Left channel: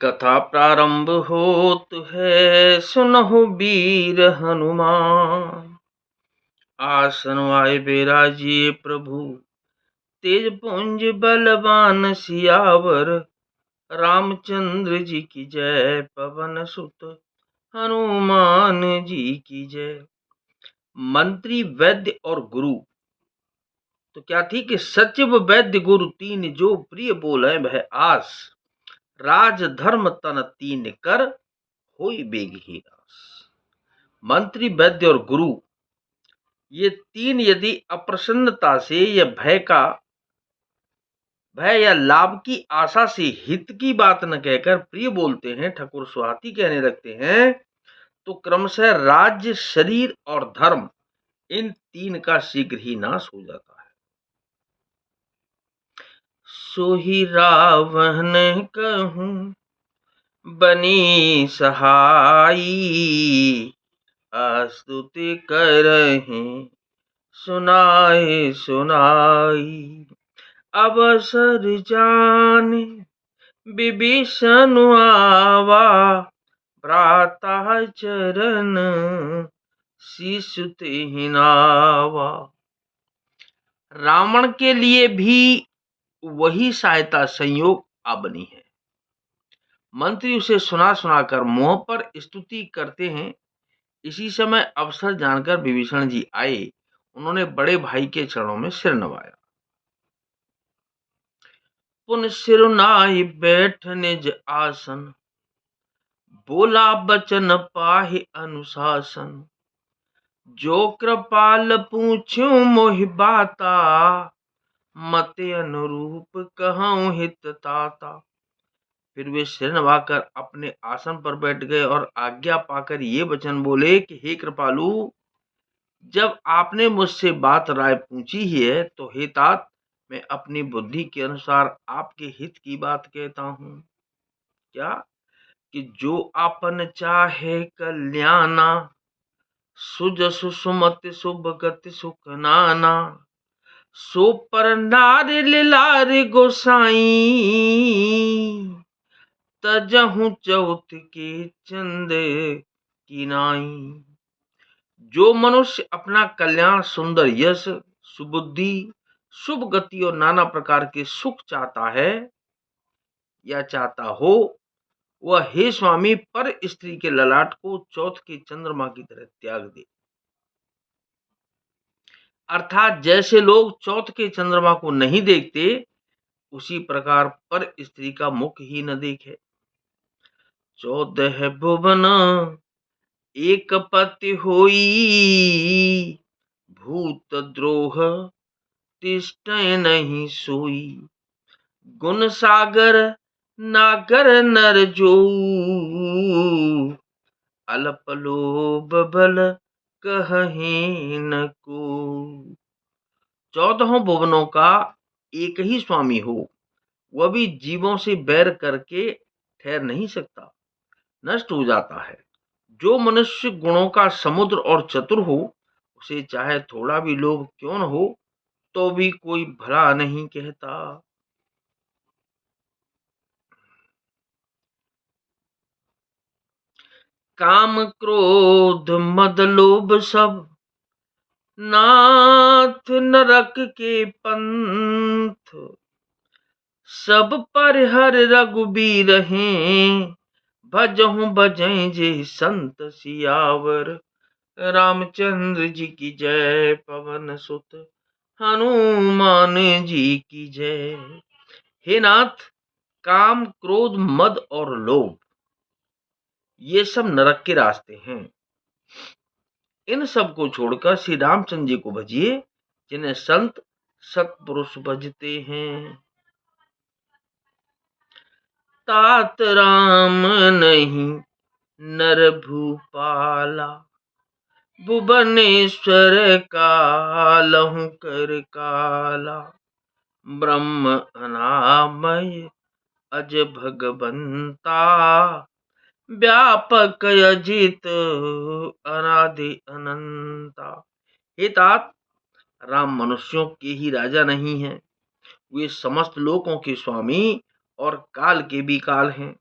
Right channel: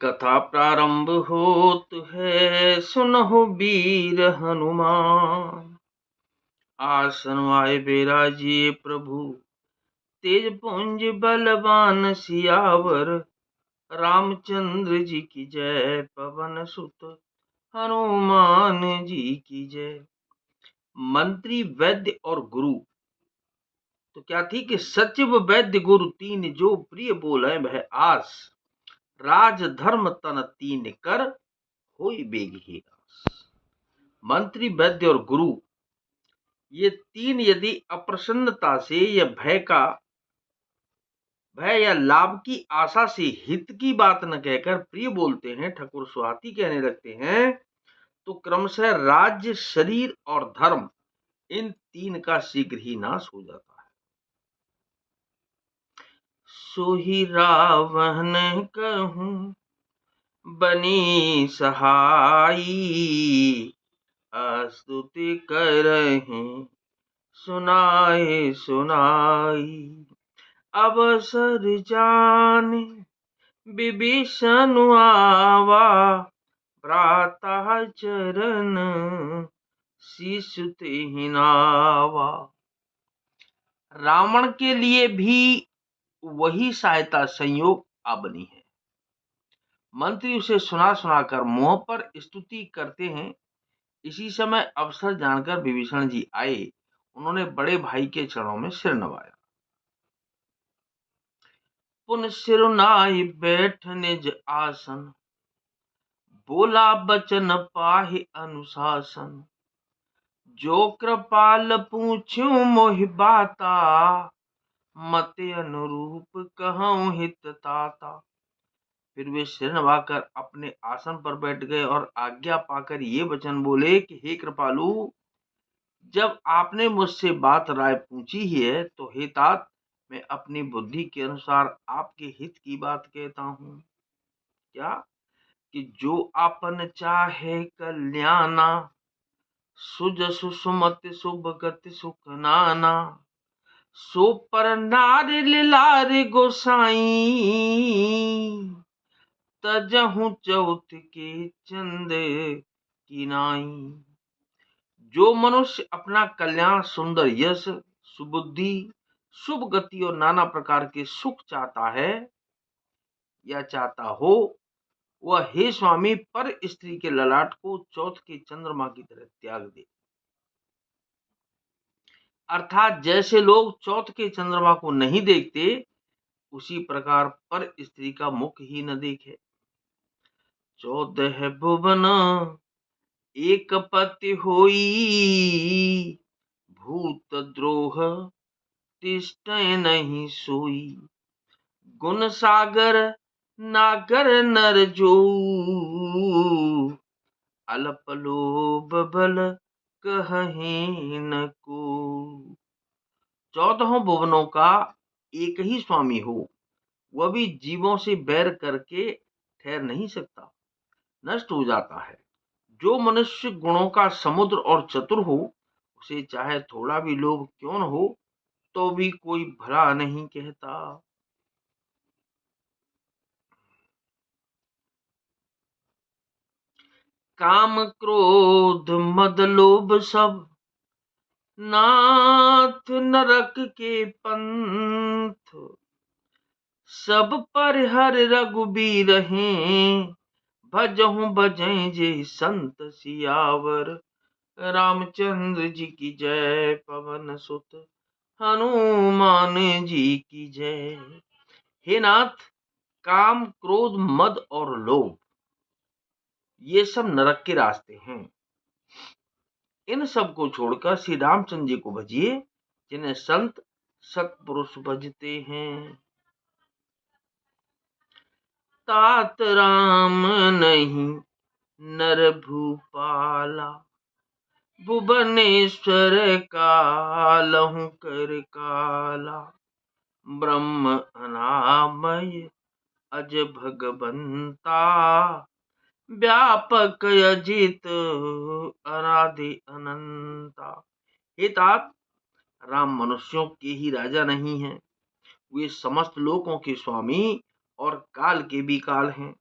कथा प्रारंभ होत है, सुनहु वीर हनुमान। आसन आए बिराजिए प्रभु, तेज पुंज बलवान सियावर। रामचंद्र जी की जय, पवन सुत हनुमान जी की जय। मंत्री, वैद्य और गुरु तो क्या थी कि सचिव वैद्य गुरु तीन, जो प्रिय बोले वह आस। राज धर्म तन तीन कर, होई बेग ही रास। मंत्री, वैद्य और गुरु, ये तीन यदि अप्रसन्नता से या भय या लाभ की आशा से हित की बात न कहकर प्रिय बोलते हैं, ठकुर सुहाती कहने लगते हैं, तो क्रमशः राज्य, शरीर और धर्म, इन तीन का शीघ्र ही नाश हो जाता है। सोही रावण कहूं बनी सहाई, स्तुति करहिं सुनाए सुनाई। अवसर जाने विभीषण आवा, भ्राता चरण शीशु तेहि नावा। रावण के लिए भी वही सहायता संयोग आ बनी है। मंत्री उसे सुना सुनाकर मुंह पर स्तुति करते हैं। इसी समय अवसर जानकर विभीषण जी आए। उन्होंने बड़े भाई के चरणों में सिर नवाया। पुन सिरुनाई बैठ निज आसन, बोला बचन पाहि अनुशासन। जो कृपाल पूछूं मोहि बाता, मते अनुरूप कहूं हित ताता। फिर वे सिर नवाकर अपने आसन पर बैठ गए और आज्ञा पाकर ये वचन बोले कि हे कृपालु, जब आपने मुझसे बात राय पूछी ही है, तो हे तात, मैं अपनी बुद्धि के अनुसार आपके हित की बात कहता हूं। क्या कि जो आपन चाहे कल्याणा, सुजसु सुमति शुभ गति सुख नाना। सो पर नारि लिलारि गोसाई, तजहु चौथ के चंद की नाई। जो मनुष्य अपना कल्याण, सुंदर यश, सुबुद्धि, शुभ गति और नाना प्रकार के सुख चाहता है या चाहता हो, वह हे स्वामी पर स्त्री के ललाट को चौथ के चंद्रमा की तरह त्याग दे। अर्थात जैसे लोग चौथ के चंद्रमा को नहीं देखते, उसी प्रकार पर स्त्री का मुख ही न देखे। 14 भुवन एक पति होई, भूत द्रोह तिष्ठै नहीं सोई। गुण सागर नागर नर जो, अल्प लोभ बल कहहि न को। 14 भुवनों का एक ही स्वामी हो, वह भी जीवों से बैर करके ठहर नहीं सकता, नष्ट हो जाता है। जो मनुष्य गुणों का समुद्र और चतुर हो, उसे चाहे थोड़ा भी लोभ क्यों न हो, तो भी कोई भला नहीं कहता। काम क्रोध मद लोभ सब, नाथ नरक के पंथ। सब पर हर रघुबीर हैं, भजहु भजै जे संत सियावर। रामचंद्र जी की जय, पवन सुत हनुमान जी की जय। हे नाथ, काम, क्रोध, मद और लोभ, ये सब नरक के रास्ते हैं। इन सब को छोड़कर श्री रामचंद्र जी को भजिए, जिन्हें संत सत्पुरुष भजते हैं। तात राम नहीं नर भूपाला, भुवनेश्वर कालहु कर काला। ब्रह्म अनामय अज भगवंता, व्यापक अजित अनादि अनंता। हे तात, राम मनुष्यों के ही राजा नहीं हैं, वे समस्त लोकों के स्वामी और काल के भी काल हैं।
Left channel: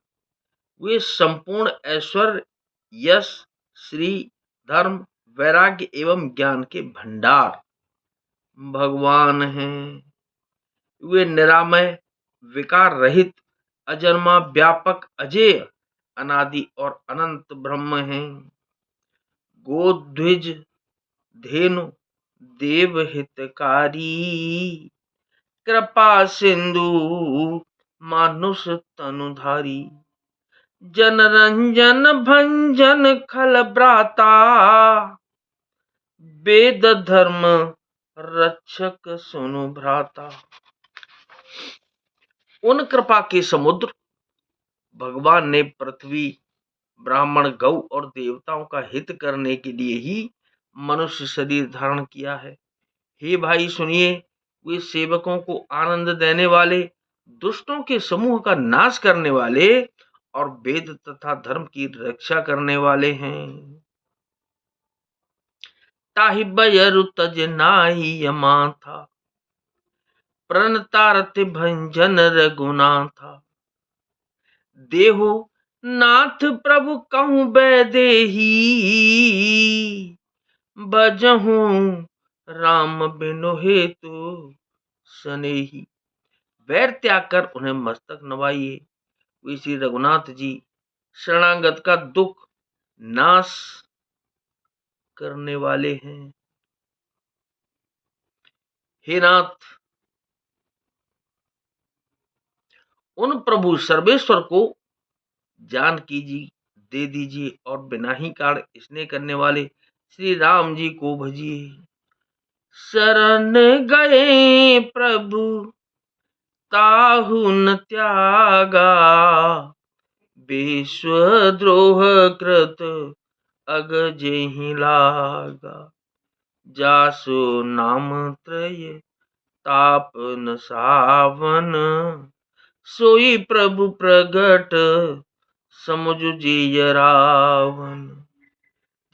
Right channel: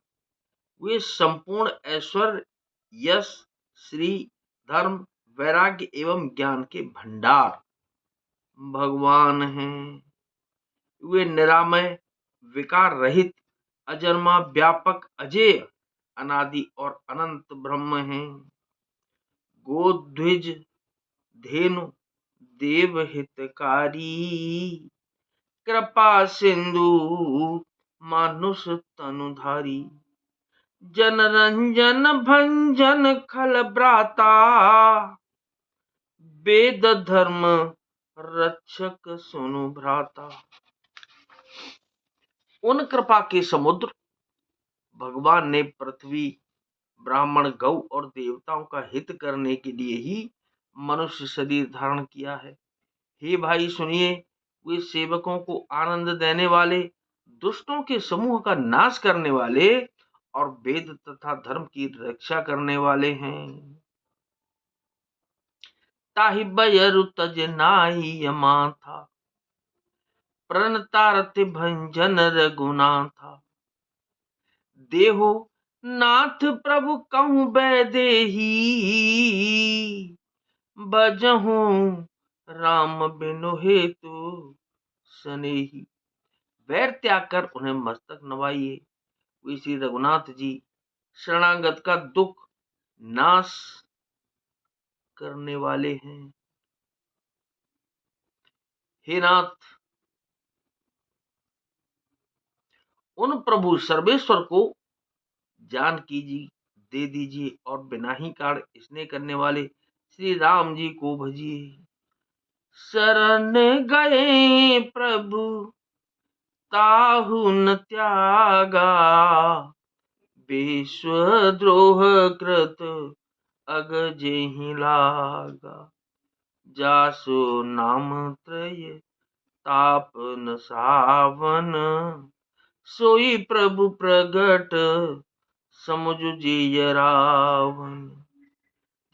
वे संपूर्ण ऐश्वर्य, यश, श्री, धर्म, वैराग्य एवं ज्ञान के भंडार भगवान हैं। वे निरामय, विकार रहित, अजन्मा, व्यापक, अजेय, अनादि और अनंत ब्रह्म हैं। गोद्विज, धेनु, देव हितकारी, कृपा सिंधु, मानुष तनुधारी, जनरंजन भंजन खल भ्राता, वेद धर्म रक्षक सुनु भ्राता। उन कृपा के समुद्र भगवान ने पृथ्वी, ब्राह्मण, गौ और देवताओं का हित करने के लिए ही मनुष्य शरीर धारण किया है। हे भाई सुनिए, वे सेवकों को आनंद देने वाले, दुष्टों के समूह का नाश करने वाले और वेद तथा धर्म की रक्षा करने वाले हैं। ताहि बयरु तज नाहि यमाथा, प्रणतारत भंजन रघुनाथा, देहो नाथ प्रभु कहूँ बैदेही, भजहु राम बिनु हेतु सनेही। वैर त्याग कर उन्हें मस्तक नवाइए। वे श्री रघुनाथ जी शरणागत का दुख नाश करने वाले हैं। हे नाथ, उन प्रभु सर्वेश्वर को जानकी जी दे दीजिए और बिना ही कारण स्नेह करने वाले श्री राम जी को भजिए। शरण गए प्रभु ताहु न त्यागा, विश्वद्रोह कृत अगजेहि लागा, जासु नाम त्रय तापन सावन, सोई प्रभु प्रगट समुझ जिय रावण।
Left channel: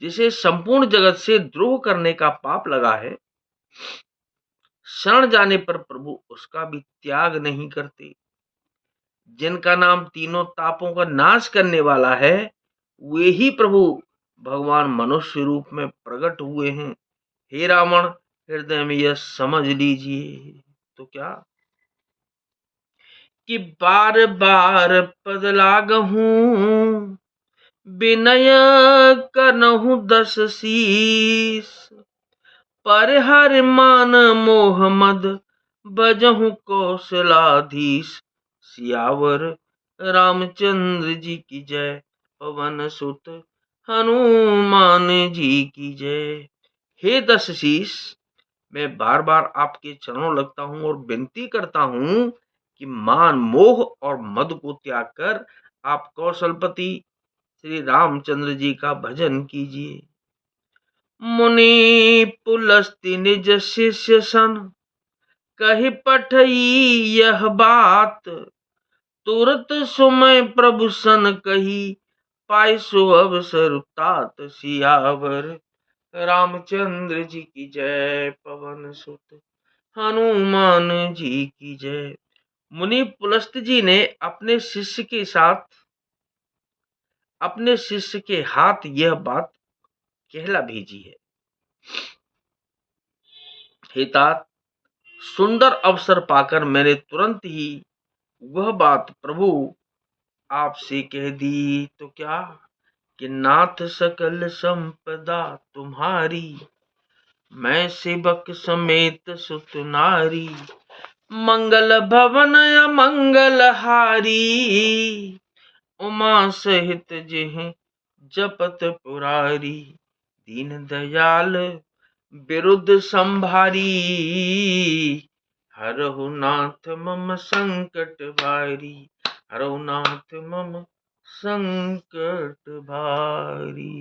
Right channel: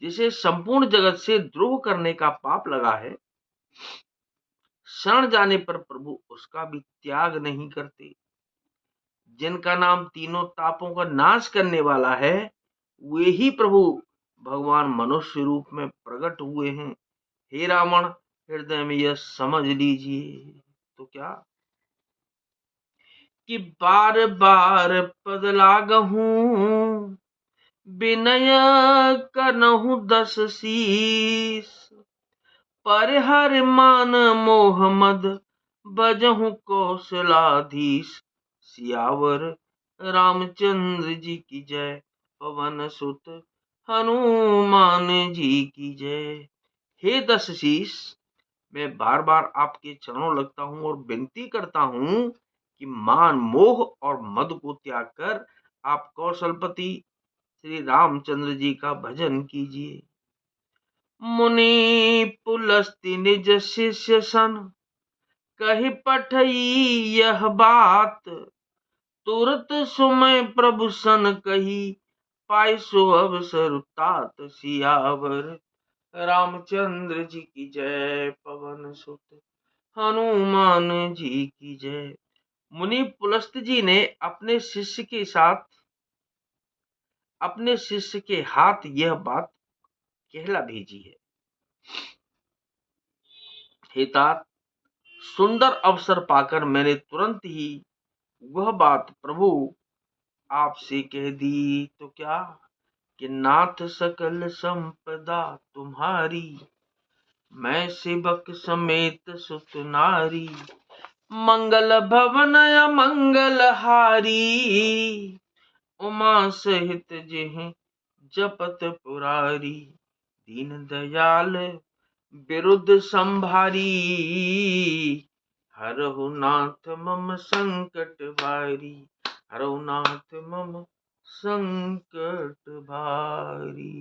जिसे संपूर्ण जगत से द्रोह करने का पाप लगा है, शरण जाने पर प्रभु उसका भी त्याग नहीं करते। जिनका नाम तीनों तापों का नाश करने वाला है, वे ही प्रभु भगवान मनुष्य रूप में प्रकट हुए हैं। हे रावण, हृदय में यह समझ लीजिए। तो क्या कि बार बार पद लागहूं, विनय करहूं 10 शीस, पर हर मान मोह मद बजहूं कौशलाधीश। सियावर रामचंद्र जी की जय, पवन सुत हनुमान जी की जय। हे 10 शीस, मैं बार बार आपके चरणों लगता हूं और विनती करता हूं कि मान, मोह और मद को त्याग कर आप कौशलपति श्री रामचंद्र जी का भजन कीजिए। मुनि पुलस्त्य निज शिष्य सन, कहि पठई यह बात, तुरत सुमय प्रभु सन कही, पाई सो अवसर तात। सियावर रामचंद्र जी की जय, पवन सुत हनुमान जी की जय। मुनि पुलस्त्य जी ने अपने शिष्य के साथ, अपने शिष्य के हाथ यह बात कहला भेजी है। हे तात, सुंदर अवसर पाकर मैंने तुरंत ही वह बात प्रभु आपसे कह दी। तो क्या कि नाथ सकल संपदा तुम्हारी, मैं सेवक समेत सुत नारी, मंगल भवन अमंगल हारी, उमा सहित जेहि जपत पुरारी, दीन दयाल विरुद्ध संभारी, हरहु नाथ मम संकट भारी, हरहु नाथ मम संकट भारी।